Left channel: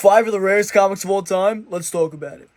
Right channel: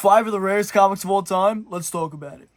5 of the rarest comics of all time. Let's talk about it.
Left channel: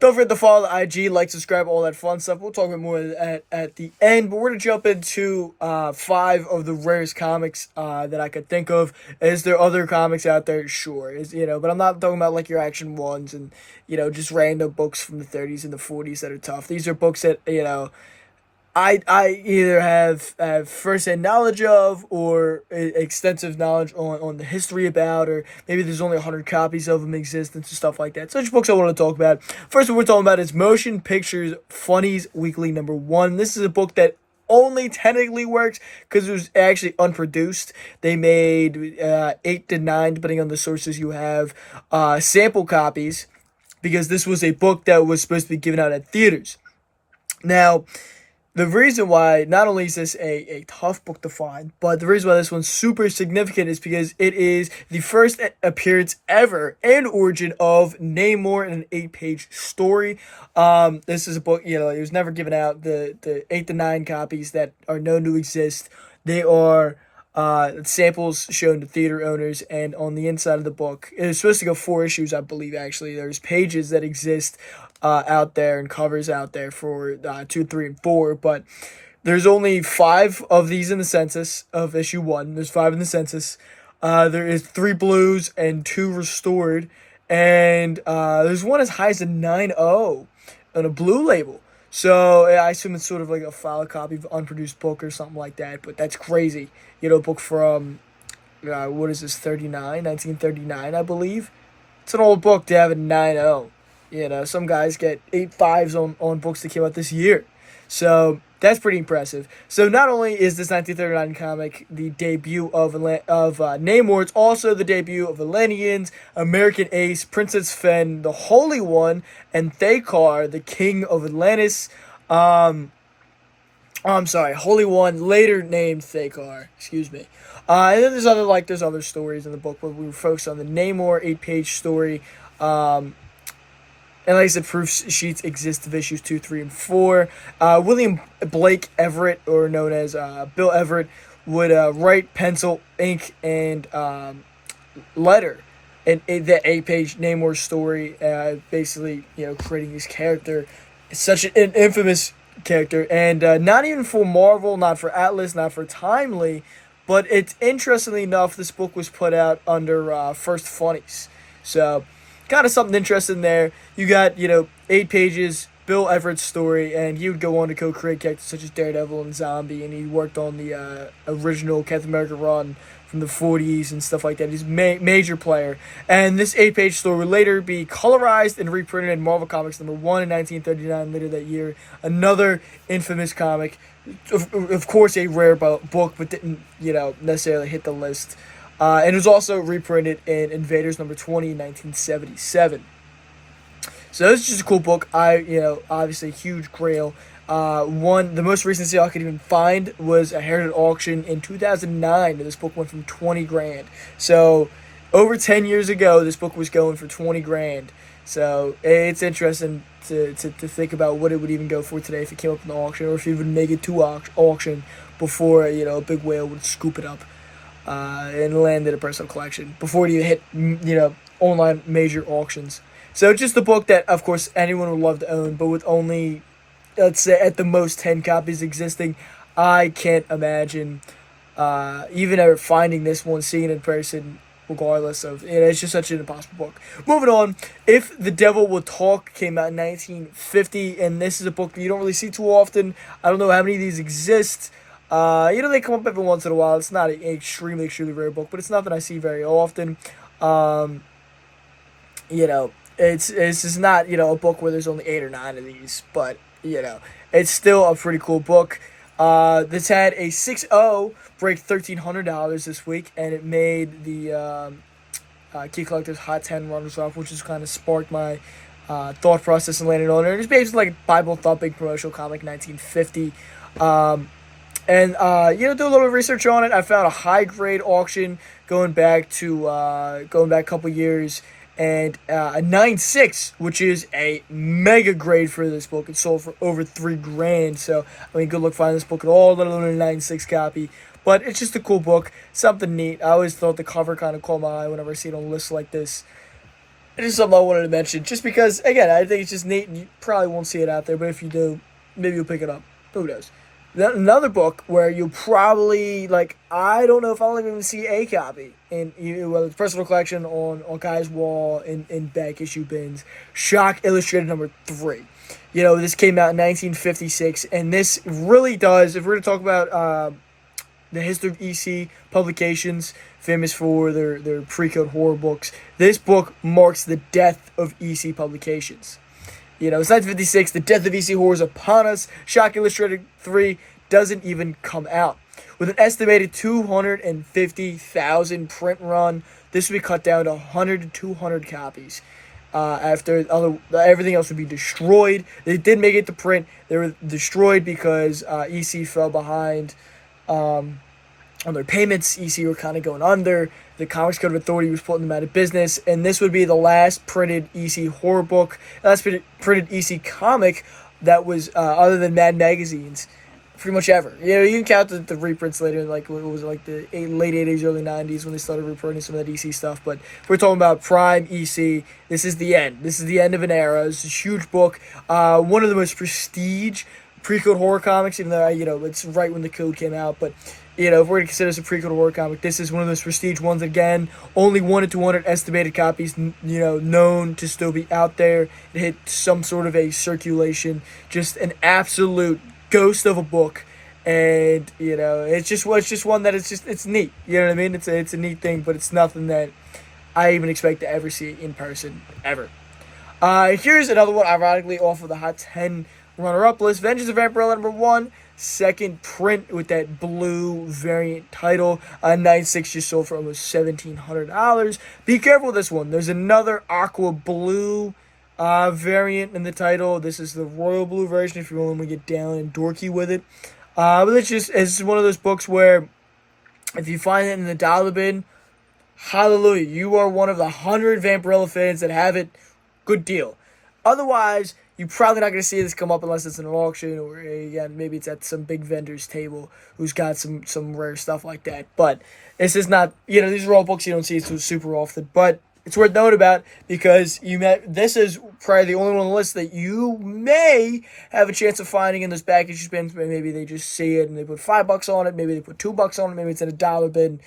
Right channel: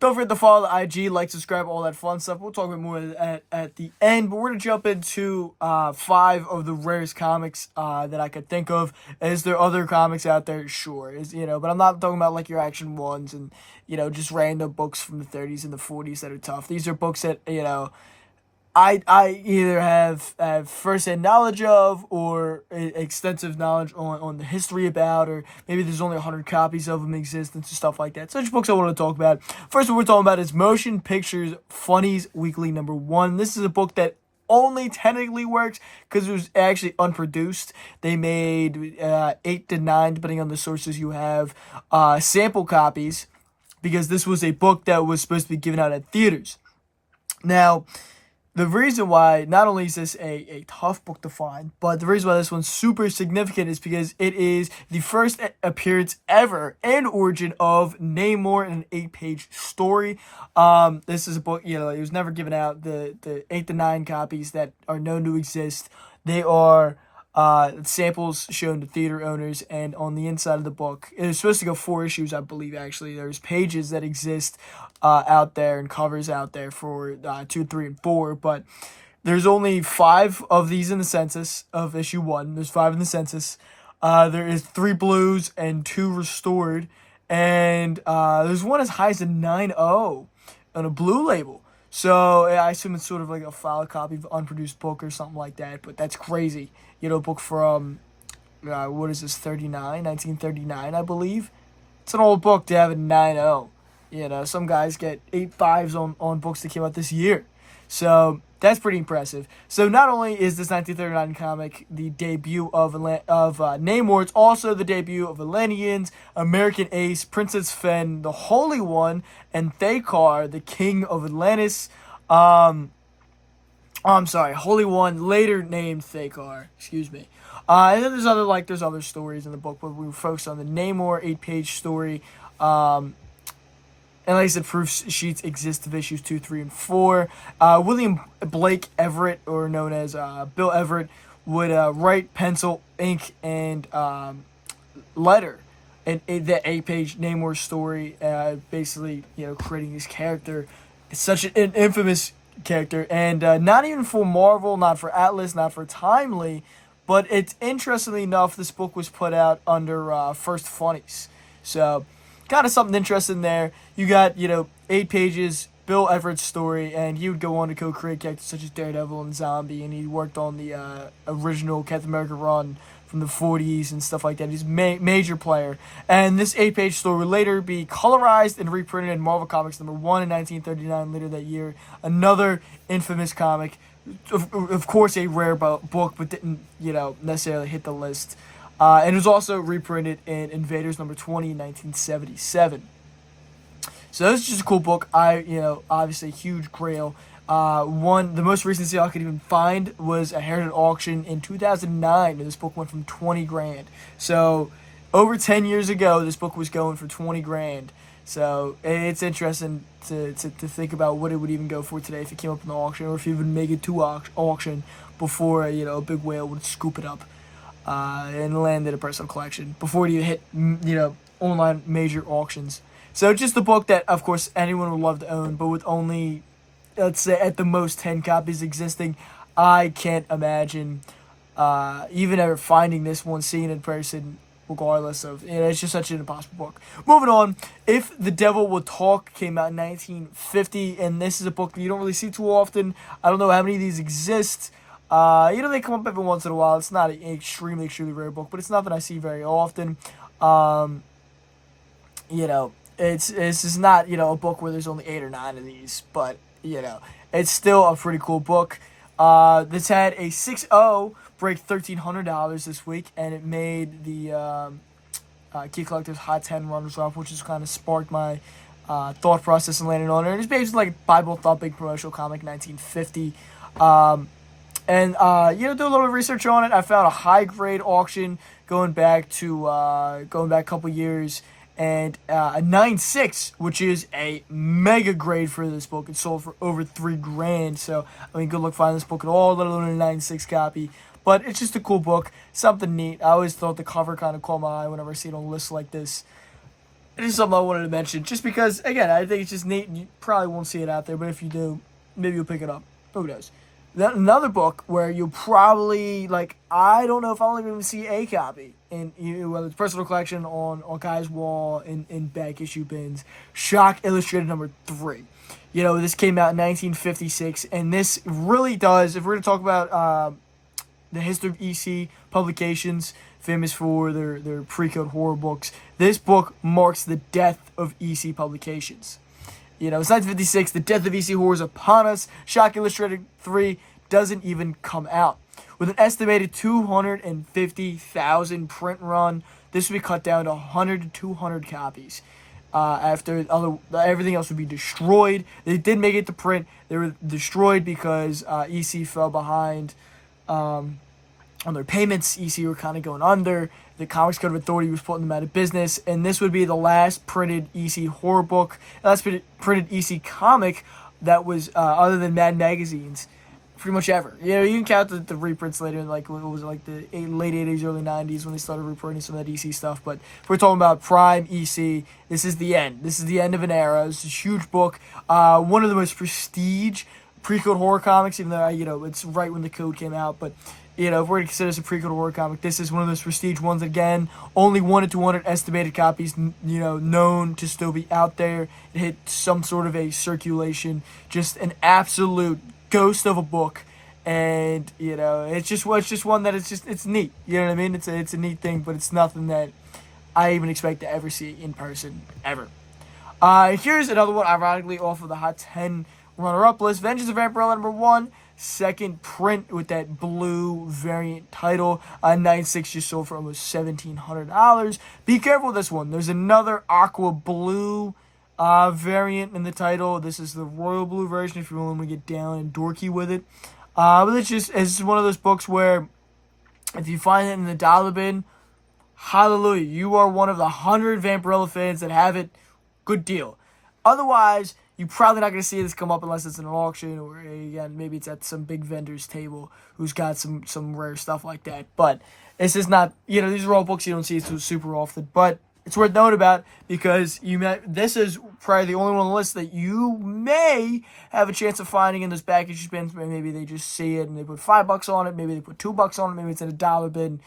Don't forget to follow the IG, like, subscribe, all that fun stuff. We'll talk about more at the end, but we're going to jump into 5 of the rarest comics that I could think of. Is there other comics out there? Sure. But I'm not talking about like your action ones and, just random books from the 30s and the 40s that are tough. These are books that, I either have first-hand knowledge of or extensive knowledge on the history about, or maybe there's only 100 copies of them in existence and stuff like that. Such books I want to talk about. First one we're talking about is Motion Pictures Funnies Weekly #1. This is a book that only technically works because it was actually unproduced. They made 8 to 9, depending on the sources you have, sample copies, because this was a book that was supposed to be given out at theaters. Now, the reason why not only is this a tough book to find, but the reason why this one's super significant is because it is the first appearance ever and origin of Namor in an 8-page story. This is a book, it was never given out. The 8 to 9 copies that are known to exist, they are samples shown to theater owners, and on the inside of the book, it was supposed to go 4 issues, I believe, actually. There's pages that exist out there and covers out there for 2, 3, and 4, but there's only 5 of these in the census of issue 1. There's 5 in the census. There is 3 blues and 2 restored, and there's one as high as a 9.0 on a blue label. So I assume it's sort of like a file copy of an unproduced book or something like that, but that's crazy. A book from, what is this, 1939, I believe. It's an old book to have a 9.0. Some guys get 8.5s on books that came out this year. So that's pretty impressive. So not only is this 1939 comic the debut of Namor, it's also the debut of Atlanteans, American Ace, Princess Fen, the Holy One, and Thakar, the King of Atlantis. I'm sorry, Holy One, later named Thakar. Excuse me. And then there's other stories in the book, but we focus on the Namor 8-page story. And like I said, proof sheets exist of issues 2, 3, and 4. William Blake Everett, or known as Bill Everett, would write, pencil, ink, and letter in the 8-page Namor story, basically, creating his character. It's such an infamous character, and not even for Marvel, not for Atlas, not for Timely, but it's interestingly enough, this book was put out under First Funnies. So, kind of something interesting there. You got, 8 pages, Bill Everett's story, and he would go on to co-create characters such as Daredevil and Zombie, and he worked on the original Captain America run from the 40s and stuff like that. He's a major player. And this 8-page story would later be colorized and reprinted in Marvel Comics #1 in 1939, later that year. Another infamous comic. Of course, a rare book, but didn't, necessarily hit the list. And it was also reprinted in Invaders #20 in 1977. So this is just a cool book. Obviously a huge grail. The most recent sale I could even find was a Heritage auction in 2009, and this book went from 20 grand. So over 10 years ago, this book was going for 20 grand. So it's interesting to think about what it would even go for today if it came up in the auction, or if it would make it to auction before a big whale would scoop it up and land in a personal collection before it even hit online major auctions. So just a book that, of course, anyone would love to own, but with only, let's say, at the most 10 copies existing, I can't imagine even ever finding this one, seeing it in person, regardless of, it's just such an impossible book. Moving on, If the Devil Will Talk came out in 1950, and this is a book that you don't really see too often. I don't know how many of these exist. They come up every once in a while. It's not an extremely rare book, but it's nothing I see very often. It's just not, a book where there's only 8 or 9 of these, but, it's still a pretty cool book. This had a 6.0, break $1,300 this week, and it made the Key Collector's Hot 10 runners-up, which has kind of sparked my thought process and landed on it. It's basically like a Bible thumping promotional comic, 1950. And do a little research on it. I found a high grade auction going back a couple years, and a 9.6, which is a mega grade for this book. It sold for over $3,000. So I mean, good luck finding this book at all, let alone a 9.6 copy. But it's just a cool book, something neat. I always thought the cover kind of caught my eye whenever I see it on lists like this. It is something I wanted to mention, just because, again, I think it's just neat. You probably won't see it out there, but if you do, maybe you'll pick it up. Who knows? Another book where you'll probably, like, I don't know if I'll even see a copy, in whether it's personal collection on Guy's wall, in back issue bins. Shock Illustrated number 3. This came out in 1956, and this really does, if we're going to talk about the history of EC publications, famous for their pre-code horror books, this book marks the death of EC publications. It's 1956, the death of EC horror is upon us. Shock Illustrated 3 doesn't even come out. With an estimated 250,000 print run, this would be cut down to 100 to 200 copies. After everything else would be destroyed. They did make it to print. They were destroyed because EC fell behind on their payments. EC were kind of going under. The Comics Code Authority was putting them out of business, and this would be the last printed EC horror book, last printed EC comic that was other than Mad Magazine's, pretty much ever. You can count the reprints later, like what was it, like the late 80s, early 90s when they started reprinting some of that EC stuff. But if we're talking about prime EC, this is the end. This is the end of an era. It's a huge book. One of the most prestige pre-code horror comics, even though it's right when the code came out, but if we're going to consider this a pre-code horror comic, this is one of those prestige ones. Again, only 1 to 200 estimated copies, known to still be out there. It hit some sort of a circulation. Just an absolute ghost of a book. And, it's just one that it's neat. You know what I mean? It's a neat thing, but it's nothing that I even expect to ever see in person, ever. Here's another one, ironically, off of the Hot 10 runner-up list. Vengeance of Vampirella number 1. Second print with that blue variant title. 9.6 just sold for almost $1,700. Be careful with this one. There's another aqua blue variant in the title. This is the royal blue version if you want to get down and dorky with it. But it's one of those books where if you find it in the dollar bin, hallelujah, you are one of the 100 Vampirella fans that have it. Good deal. Otherwise, you're probably not going to see this come up unless it's in an auction or, again, maybe it's at some big vendor's table who's got some rare stuff like that. But it's just not, these are all books you don't see super often. But it's worth knowing about because this is probably the only one on the list that you may have a chance of finding in those back issue bins. Maybe they just see it and they put $5 on it. Maybe they put $2 on it. Maybe it's in a dollar bin.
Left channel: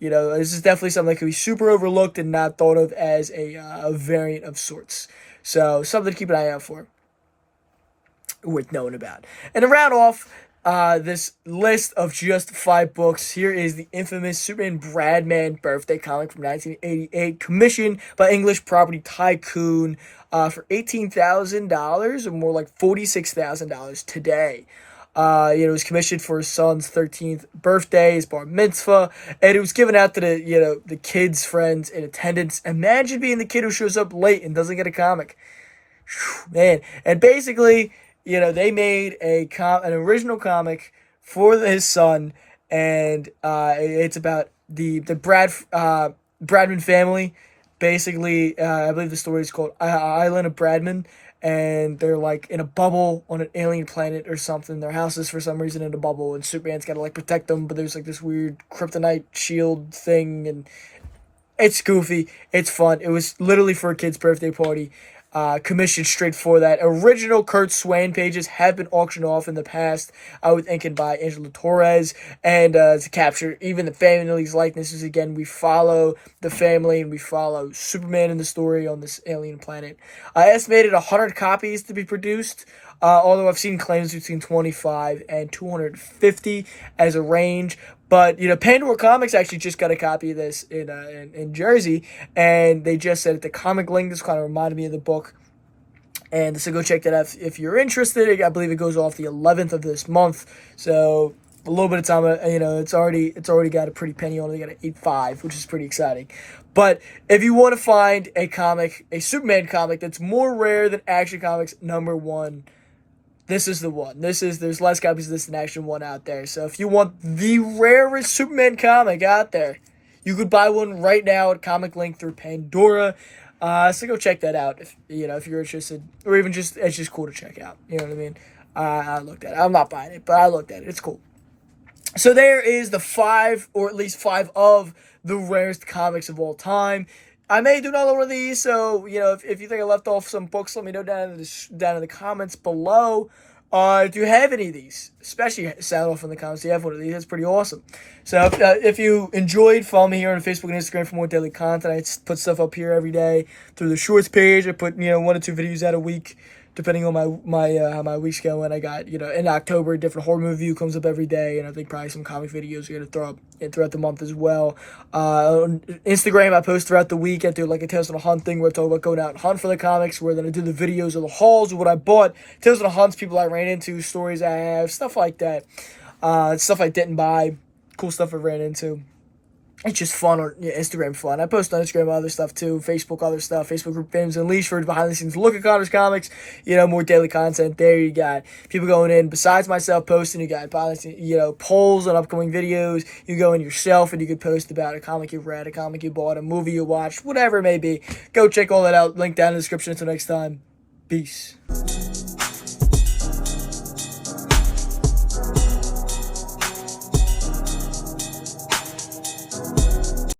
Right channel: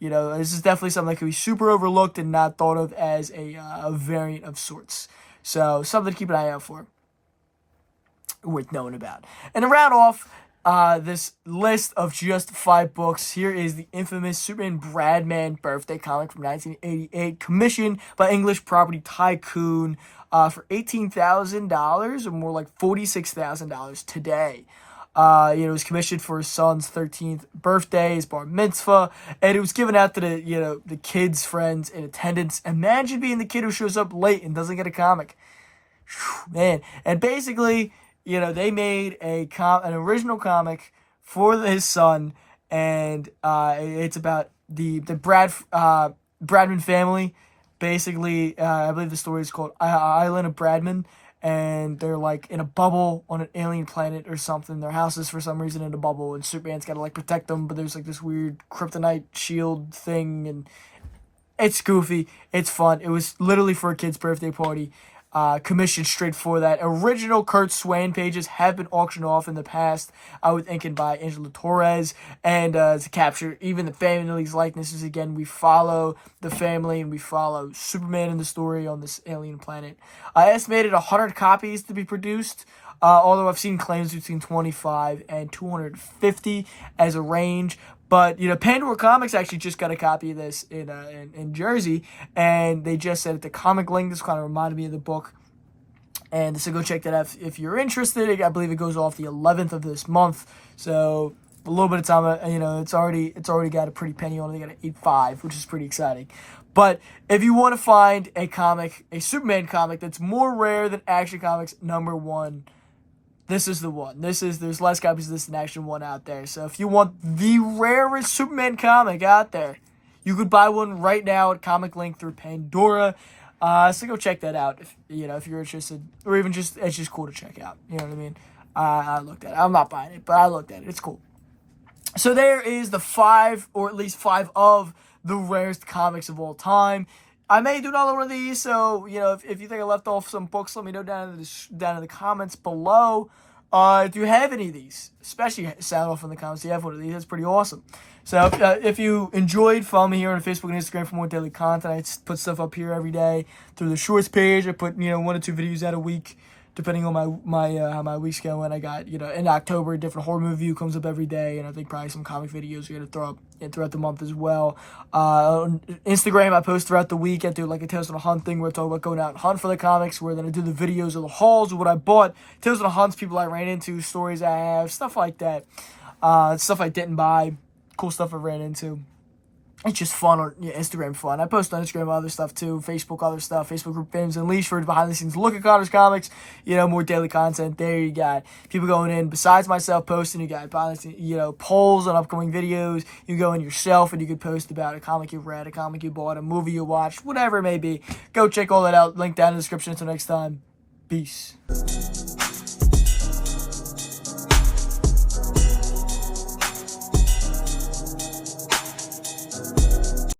This is definitely something that could be super overlooked and not thought of as a variant of sorts. So something to keep an eye out for. Worth knowing about. And to round off this list of just 5 books, here is the infamous Superman Bradman birthday comic from 1988, commissioned by English Property Tycoon for $18,000, or more like $46,000 today. It was commissioned for his son's 13th birthday, his bar mitzvah, and it was given out to the kids' friends in attendance. Imagine being the kid who shows up late and doesn't get a comic. Whew, man. And basically, they made an original comic for his son, and it's about the Bradman family. Basically, I believe the story is called Island of Bradman, and they're like in a bubble on an alien planet or something. Their house is for some reason in a bubble, and Superman's got to protect them, but there's this weird kryptonite shield thing, and it's goofy. It's fun. It was literally for a kid's birthday party. Commissioned straight for that. Original Kurt Swan pages have been auctioned off in the past, with inking by Angela Torres, and to capture even the family's likenesses. Again, we follow the family and we follow Superman in the story on this alien planet. I estimated 100 copies to be produced, although I've seen claims between 25 and 250 as a range. But, Pandora Comics actually just got a copy of this in Jersey, and they just said at the comic link, this kind of reminded me of the book. And so go check that out if you're interested. I believe it goes off the 11th of this month. So a little bit of time, it's already got a pretty penny on it. They got an 8.5, which is pretty exciting. But if you want to find a comic, a Superman comic that's more rare than Action Comics number 1, this is the one. There's less copies of this than Action 1 out there. So if you want the rarest Superman comic out there, you could buy one right now at Comic Link through Pandora. So go check that out if you're interested, or even just it's just cool to check out. You know what I mean? I looked at it. I'm not buying it, but I looked at it. It's cool. So there is the 5, or at least 5 of the rarest comics of all time. I may do another one of these, so if you think I left off some books, let me know down in the comments below. Do you have any of these? Especially sound off in the comments. You have one of these. That's pretty awesome. So if you enjoyed, follow me here on Facebook and Instagram for more daily content. I put stuff up here every day through the shorts page. I put 1 or 2 videos out a week, depending on how my week's going. I got in October, a different horror movie review comes up every day, and I think probably some comic videos are gonna throw up throughout the month as well. On Instagram, I post throughout the week. I do like a Tales on a Hunt thing where I talk about going out and hunt for the comics, where then I do the videos of the hauls of what I bought, Tales on a Hunts, people I ran into, stories I have, stuff like that. Stuff I didn't buy, cool stuff I ran into. It's just fun on Instagram fun. I post on Instagram other stuff too, Facebook other stuff, Facebook group Fandoms Unleashed for behind the scenes look at Connor's comics, more daily content there. You got people going in besides myself posting, you got behind the scenes, polls on upcoming videos. You go in yourself and you can post about a comic you read, a comic you bought, a movie you watched, whatever it may be. Go check all that out. Link down in the description. Until next time. Peace.